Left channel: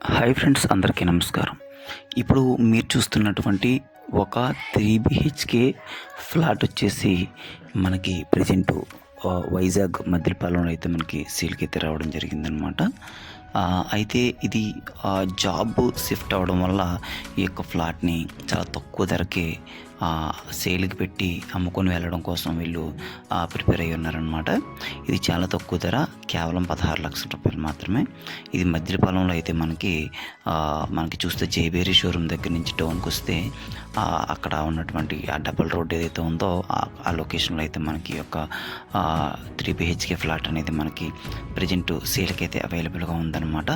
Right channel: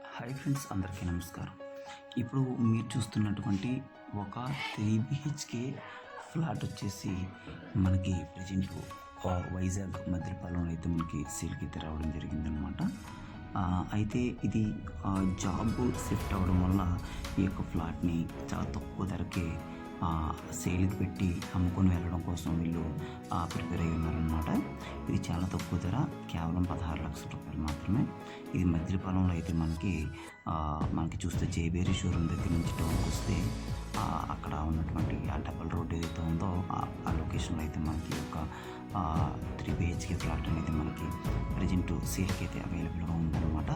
Hi friends అందరికీ నమస్కారం. ఇప్పుడు మీరు చూస్తున్నటువంటి ఒక త్రీ బిహెచ్కే ఫ్లాట్ వచ్చేసి మనకి ప్రజెంట్ వైజాగ్ మద్దిలపాలెంలో అయితే మనకి సేల్కి అయితే రావడం జరిగిందనమాట అయితే ఇది ఆ, జాబ్ షిఫ్ట్ అవ్వడం వల్ల ఈ యొక్క ఫ్లాట్ని చాలా తక్కువ ధరకే సేల్కి పెట్టి అమ్ముకొని వెళ్ళడం కోసం వీళ్ళు ప్రిపేర్ అయ్యి ఉన్నారనమాట ఇది చాలా తక్కువ ధర కేవలం పదహారు లక్షల రూపాయలు మాత్రమే. ఇది మధ్యపాలంలో అయితే మనకి మనకి చూస్తే జేబేరి షోరూమ్ దగ్గర నుంచి టౌన్కి వస్తే అక్కడ ఉన్నటువంటి ఆ డబల్ రోడ్ ఏదైతే ఉందో ఆ- లొకేషన్లో అయితే మనకి ఒక యొక్క త్రీ బిహెచ్కే ఫ్లాట్ అనేది మనకి ప్రజెంట్ సేల్కి అయితే అవైలబుల్గా ఉందన్నమాట.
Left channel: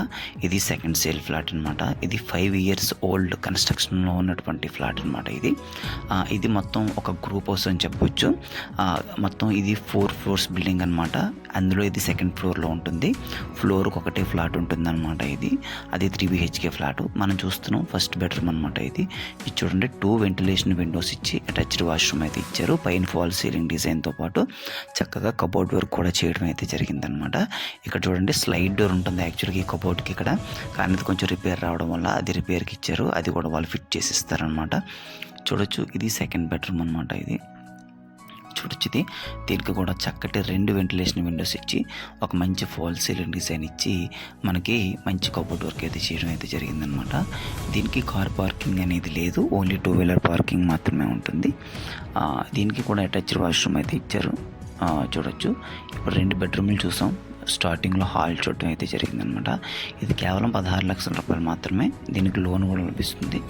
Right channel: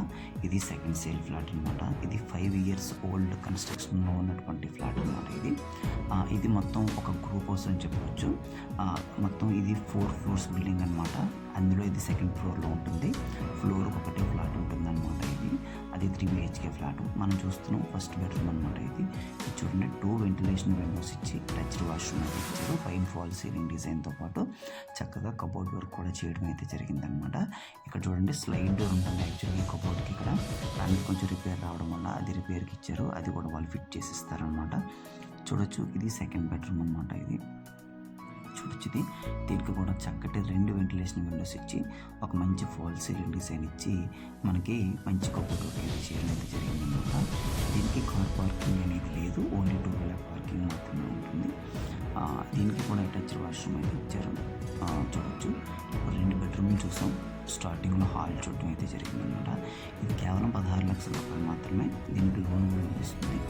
ఇది సెకండ్ సేల్ ఫ్లాట్ అనమాట ఇది ఫైవ్ ఇయర్స్ ఓల్డ్ కన్స్ట్రక్షన్లో ఉన్నటువంటి ఫ్లాట్ అనమాట ఇది. ఇది మొత్తం ఒక గ్రూప్ హౌస్ అని చెప్పొచ్చు. ఆ, మొత్తం ఇది ఫోర్ ఫ్లోర్స్ బిల్డింగ్ అనమాట అందులో ఇది సెకండ్ ఫ్లోర్లో ఉంటుంది. ఫ్లోర్కి ఒకటే ఫ్లాట్ ఉంటుందన్నమాట ఇది. అది త్రీ బిహెచ్కే ఫ్లాట్ మనం చూస్తున్నాం ఫస్ట్ బెడ్రూమ్ అనమాట ఇది. ఇది చూడండి టూ వెంటిలేషన్ విండోస్ ఇచ్చి అటాచ్డ్ వాష్రూమ్ అయితే ఇచ్చారు. పైన ఫాల్ సీలింగ్ డిజైన్తో పాటు చక్కగా కబోర్డ్ వర్క్ కూడా చేయడం అయితే జరిగిందనమాట ఇక్కడ చూడండి స్లైడ్ డోర్ ఉంటుంది యాక్చువల్గా ఈ కబోర్డ్కి ఇక్కడ. కానీ కొంచెం రిపేర్ రావడం వల్ల అది రిపేర్కి ఇచ్చారు. అది కూడా వాళ్ళు ఫిట్ చేసి ఇస్తారనమాట చూడొచ్చు. ఇది సెకండ్ బెడ్రూమ్ అనమాట ఇది. చూడొచ్చు ఇది దీనికి కూడా చక్కటి రెండు వెంటిలేషన్ విండోస్ ఇచ్చి ఒక మంచి ఫాల్ సీలింగ్ డిజైన్ ఇచ్చి మనకి మంచి కబోర్డ్ వర్క్ అయితే చేయడం అయితే జరిగిందనమాట దీనికి కార్ పార్కింగ్ అనేది లేదు. ఓన్లీ టూ వీలర్ పార్కింగ్ మాత్రమే ఉంటుంది. దీనికి కూడా అటాచ్డ్ వాష్రూమ్ అయితే ఇచ్చారు. చూడొచ్చు. ఇప్పుడు రెండు బెడ్రూమ్లు చూసాం. స్టార్టింగ్లో హాల్ చూడటం అయితే జరిగిందనమాట. ఇది కేవలం పదహారు లక్షల రూపాయలు మాత్రమే. దీనికి లోన్ కూడా లభిస్తుంది.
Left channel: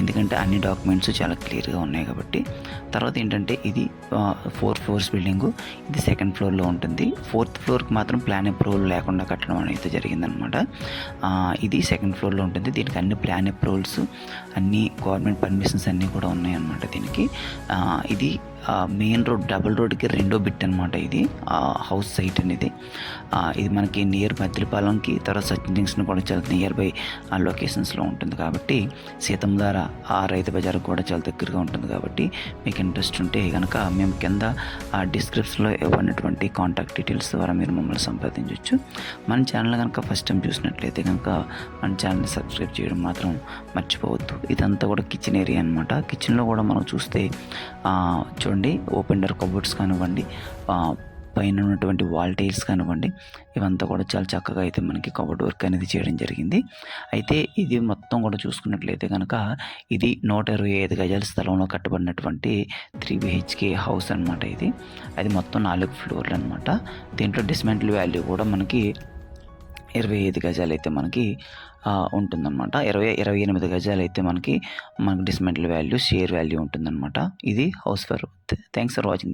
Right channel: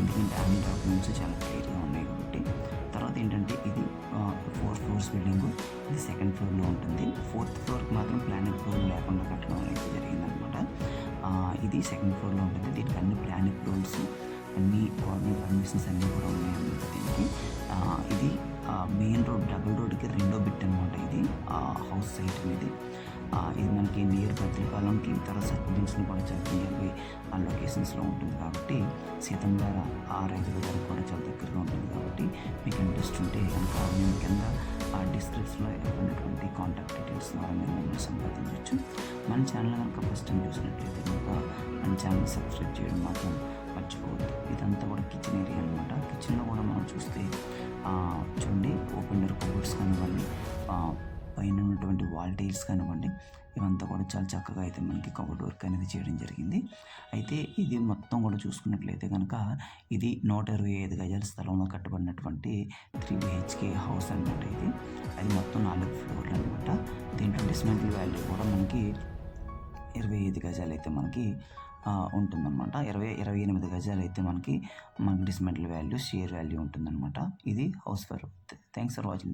ఎందుకంటే అన్ని డాక్యుమెంట్స్ చాలా క్లియర్గా ఉన్నాయి కాబట్టి. తర్వాత ఏంటంటే ఇది ఫోర్ ఫ్లోర్స్ బిల్డింగు. ఇది సెకండ్ ఫ్లోర్లో ఉంటుంది. ఫోర్త్ ఫ్లోర్కి మాత్రం ప్లాన్ అప్రూవల్ లేకుండా కట్టడం అనేది జరిగిందనమాట. ఇది సెకండ్ ఫ్లోర్లో ఉంటుంది. దీనికి అన్ని ప్లాన్ అప్రూవల్స్ అన్ని గవర్నమెంట్ పర్మిషన్స్ అన్నీ కూడా ఉన్నాయన్నమాట దీనికి. ఇది మెయిన్ రోడ్ డబుల్ రోడ్కి రెండో బిట్ అనమాట ఇది. హౌస్ సైట్ అనేది. ఇది మనకి నియర్ మద్దిలపాలెంకి తర్వాత సచిన్ జంక్షన్ కూడా చాలా నియర్ బై ఆ లొకేషన్స్లో ఉంటుంది కాబట్టి సీతంధార ఆ రైతు బజార్ కూడా చాలా దగ్గరగా ఉంటుంది కాబట్టి మీకు ఇంట్రెస్ట్ ఉంటే కనుక మేము కింద ఆ డిస్క్రిప్షన్లో ఇవ్వనటువంటి కాంటాక్ట్ డీటెయిల్స్ ద్వారా మీరు మమ్మల్ని సంప్రదించవచ్చు మన ఛానల్ కనుక ఫస్ట్ టైం చూసినట్లయితే కనుక మన ఛానల్ని సబ్స్క్రైబ్ చేయడం మాత్రం మర్చిపోవద్దు. ఇదంతా కూడా కిచెన్ ఏరియా అనమాట కిచెన్లో కూడా మనం చూస్తే చూడండి ఓపెన్ డోర్ కబోర్డ్స్ కానివ్వండి పైన ఉన్నటువంటి వాల్ టైల్స్ కానివ్వండి ఇవంతా కూడా చాలా చక్కగా అయితే మనకి కబోర్డ్ వర్క్ అనేది చేయడం జరిగింది. అయితే ఇది మొత్తం కూడా చూసుకున్నట్లయితే కనుక ఇది నూట ఇరవై ఐదు గజాల స్థలంలో కట్టబడినటువంటి త్రీ బిహెచ్కే హౌస్ అనమాట ఇది. అది మొత్తం నాలుగు ఫ్లోర్లు అనమాట దీంట్లో డిస్మెంటల్ వాల్యూ కూడా మనకి ఇరవై ఐదు గజాలు అయితే మనకి ఉంటుందన్నమాట. ఇరవై ఇరవై ఎనిమిది గజాలు అయితే మనకి మనకి డిస్మెంటల్ వాల్యూ షేర్ వాల్యూ ఉంటుందన్నమాట. ఇది house for thanks for watching